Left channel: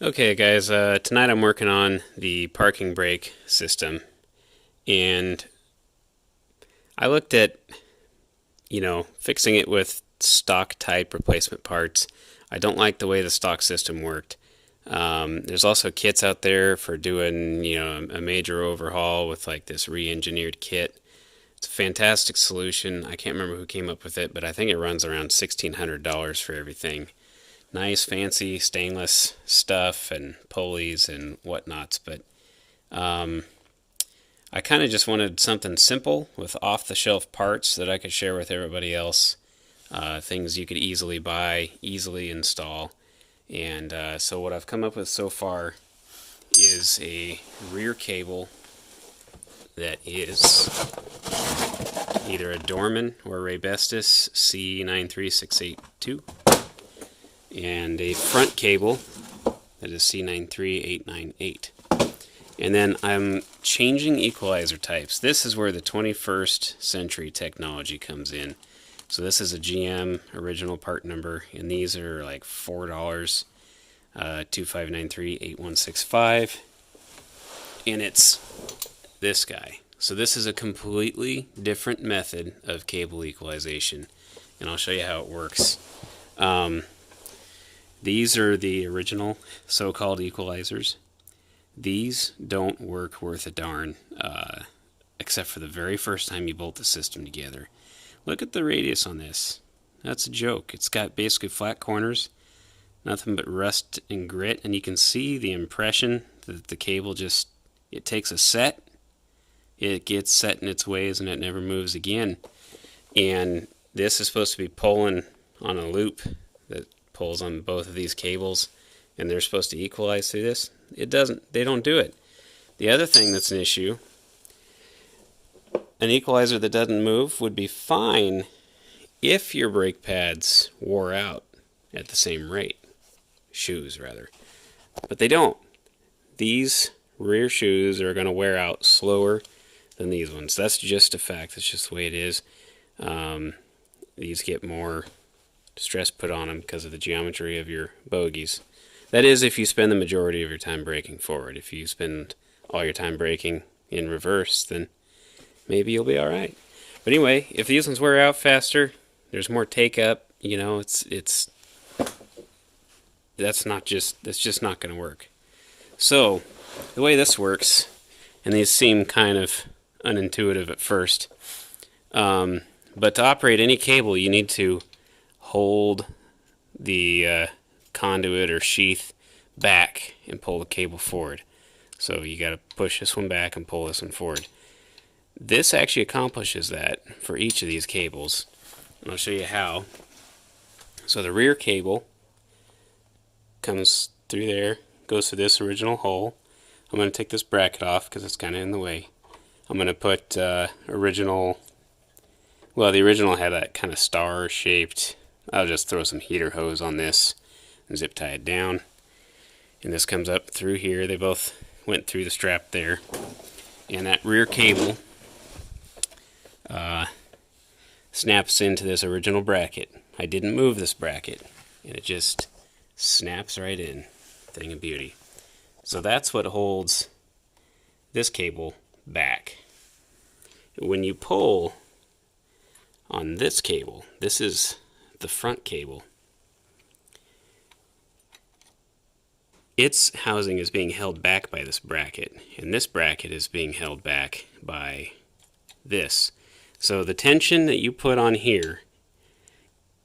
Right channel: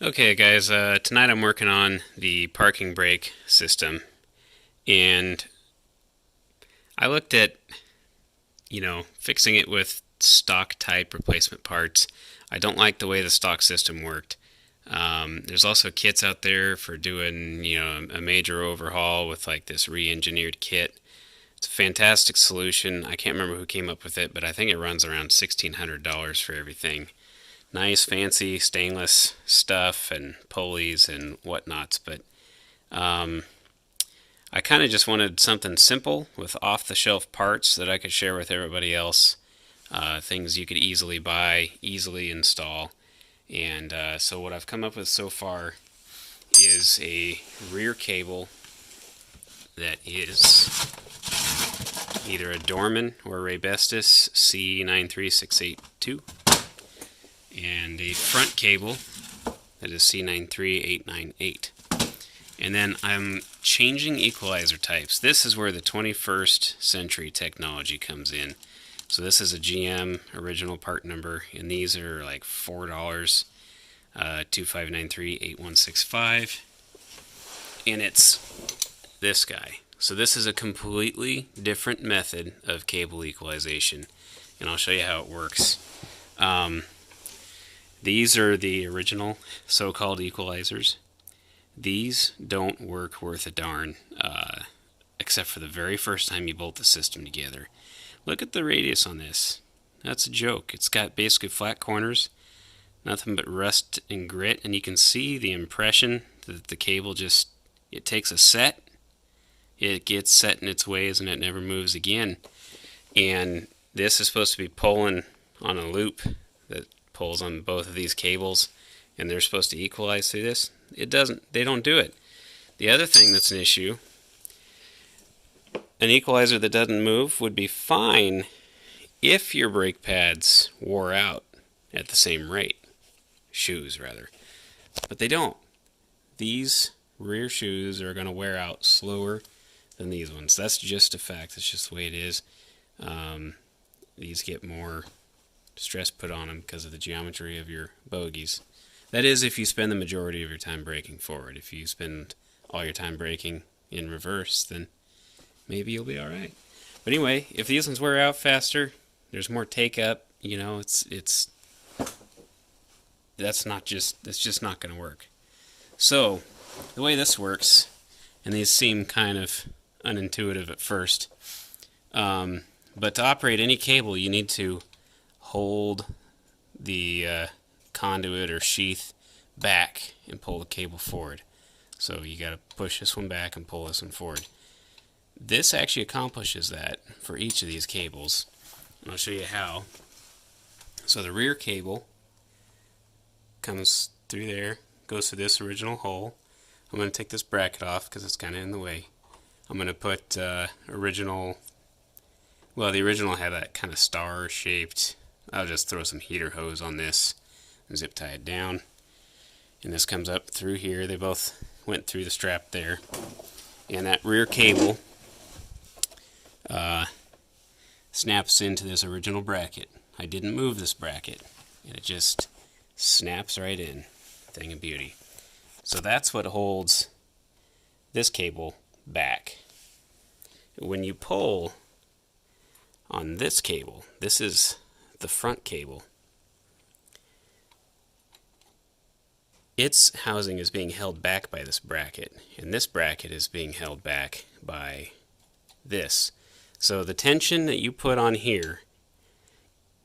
Okay, guys, tonight I'm working on the parking brake system, and I looked at, fixing it with stock type replacement parts. I don't like the way the stock system worked. There's also kits out there for doing, a major overhaul with like this re-engineered kit. It's a fantastic solution. I can't remember who came up with it, but I think it runs around $1,600 for everything. Nice, fancy stainless stuff and pulleys and whatnots, but um, I kind of just wanted something simple with off-the-shelf parts that I could share with everybody else. Things you could easily buy, easily install. And so what I've come up with so far is a rear cable that is either a Dorman or Raybestos C93682, and a front cable that is C93898. And then I'm changing equalizer types. This is where the 21st century technology comes in. So this is a GM original part number, and these are like $4, 25938165, and it's this guy. So this is a completely different method of cable equalization, and I'll show you how it works. These are the original so-called equalizers. These don't work worth a darn, except for the very first time you bolt the system together. Look at the radius on this. That's a joke. It's got basically flat corners, nothing but rust and grit, and you can see the impression that the cable just, it takes a set, it gets set in its ways, and it never moves again. And this is supposed to be pulling on a loop that pulls on both of these cables, and they're supposed to equalize through this. It doesn't. They don't do it. The other thing that's an issue, an equalizer that doesn't move would be fine if your brake pads wore out at the same rate. Shoes, rather. But they don't. These rear shoes are going to wear out slower than these ones. That's just a fact. That's just the way it is. These get more stress put on them because of the geometry of your bogies. That is, if you spend the majority of your time braking forward. If you spend all your time braking in reverse, then maybe you'll be all right. But anyway, if these ones wear out faster, there's more take up. It's that's just not going to work. So the way this works, and these seem kind of unintuitive at first, but to operate any cable, you need to hold the conduit or sheath back and pull the cable forward. So you got to push this one back and pull this one forward. This actually accomplishes that for each of these cables, and I'll show you how. So the rear cable comes through there, goes to this original hole. I'm going to take this bracket off because it's kind of in the way. I'm going to put the original had that kind of star shaped. I'll just throw some heater hose on this and zip tie it down. And this comes up through here. They both went through the strap there. And that rear cable snaps into this original bracket. I didn't move this bracket, and it just snaps right in. Thing of beauty. So that's what holds this cable back. When you pull on this cable, this is the front cable, its housing is being held back by this bracket, and this bracket is being held back by this. So the tension that you put on here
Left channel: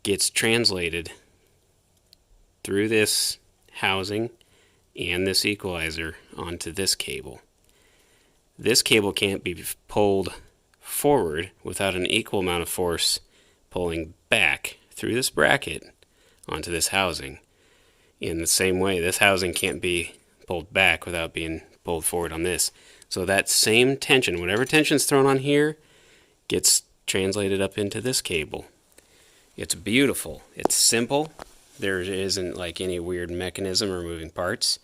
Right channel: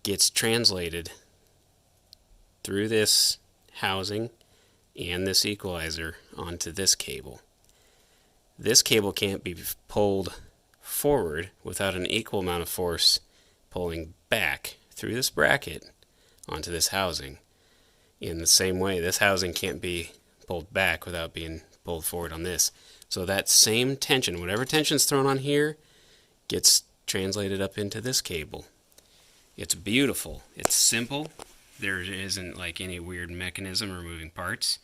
gets translated through this housing and this equalizer onto this cable. This cable can't be pulled forward without an equal amount of force pulling back through this bracket onto this housing. In the same way, this housing can't be pulled back without being pulled forward on this. So that same tension, whatever tension is thrown on here, gets translated up into this cable. It's beautiful. It's simple. There isn't like any weird mechanism or moving parts.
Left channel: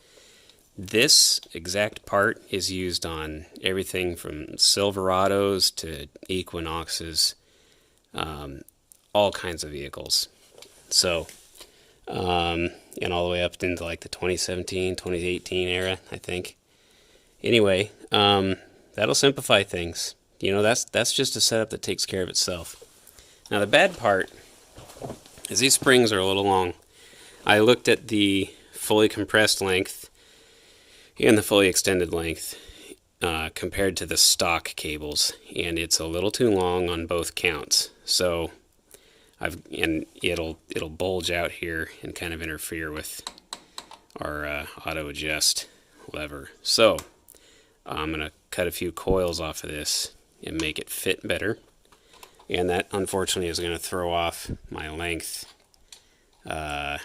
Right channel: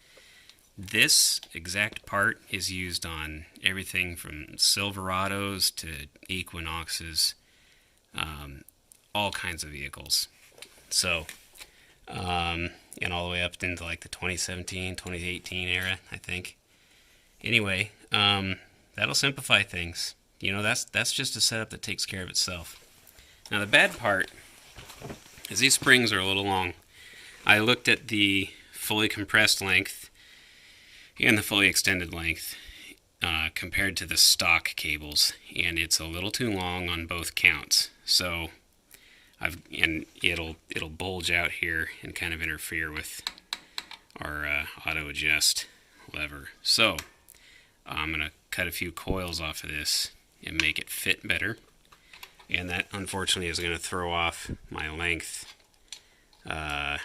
This exact part is used on everything from Silverados to Equinoxes, all kinds of vehicles. So and all the way up into like the 2017, 2018 era, I think. Anyway, that'll simplify things. You know, that's just a setup that takes care of itself. Now the bad part is these springs are a little long. I looked at the fully compressed length and the fully extended length compared to the stock cables, and it's a little too long on both counts. So it'll bulge out here and kind of interfere with our auto adjust lever. So I'm gonna cut a few coils off of this and make it fit better, and that unfortunately is going to throw off my length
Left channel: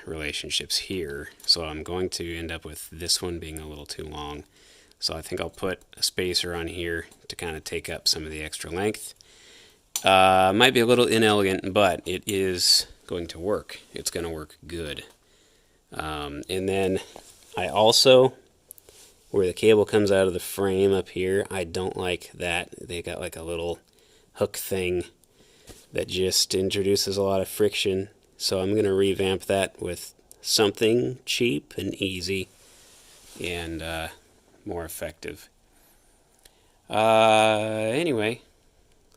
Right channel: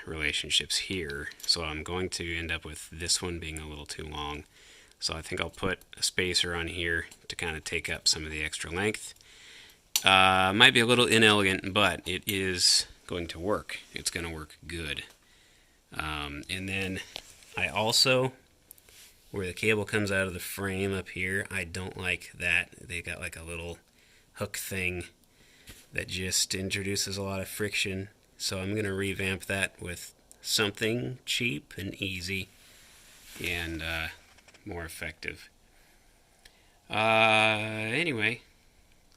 relationships here, so I'm going to end up with this one being a little too long. So I think I'll put a spacer on here to kind of take up some of the extra length. Might be a little inelegant, but it is going to work. It's going to work good. And then I also, where the cable comes out of the frame up here, I don't like that. They got like a little hook thing that just introduces a lot of friction. So I'm going to revamp that with something cheap and easy and more effective. Anyway,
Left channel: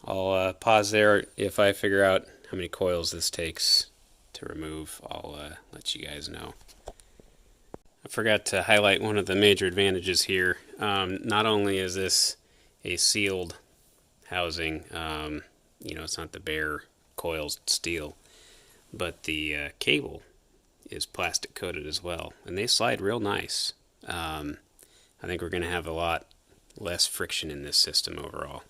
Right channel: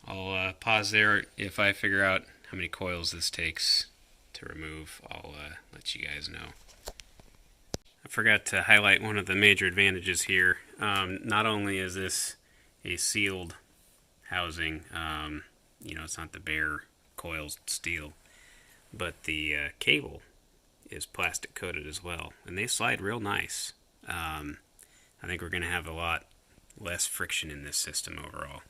I'll pause there. If I figure out how many coils this takes to remove, I'll let you guys know. I forgot to highlight one of the major advantages here. Not only is this a sealed housing, you know, it's not the bare coiled steel, but the cable is plastic coated as well, and they slide real nice. I think we're going to have a lot less friction in this system overall.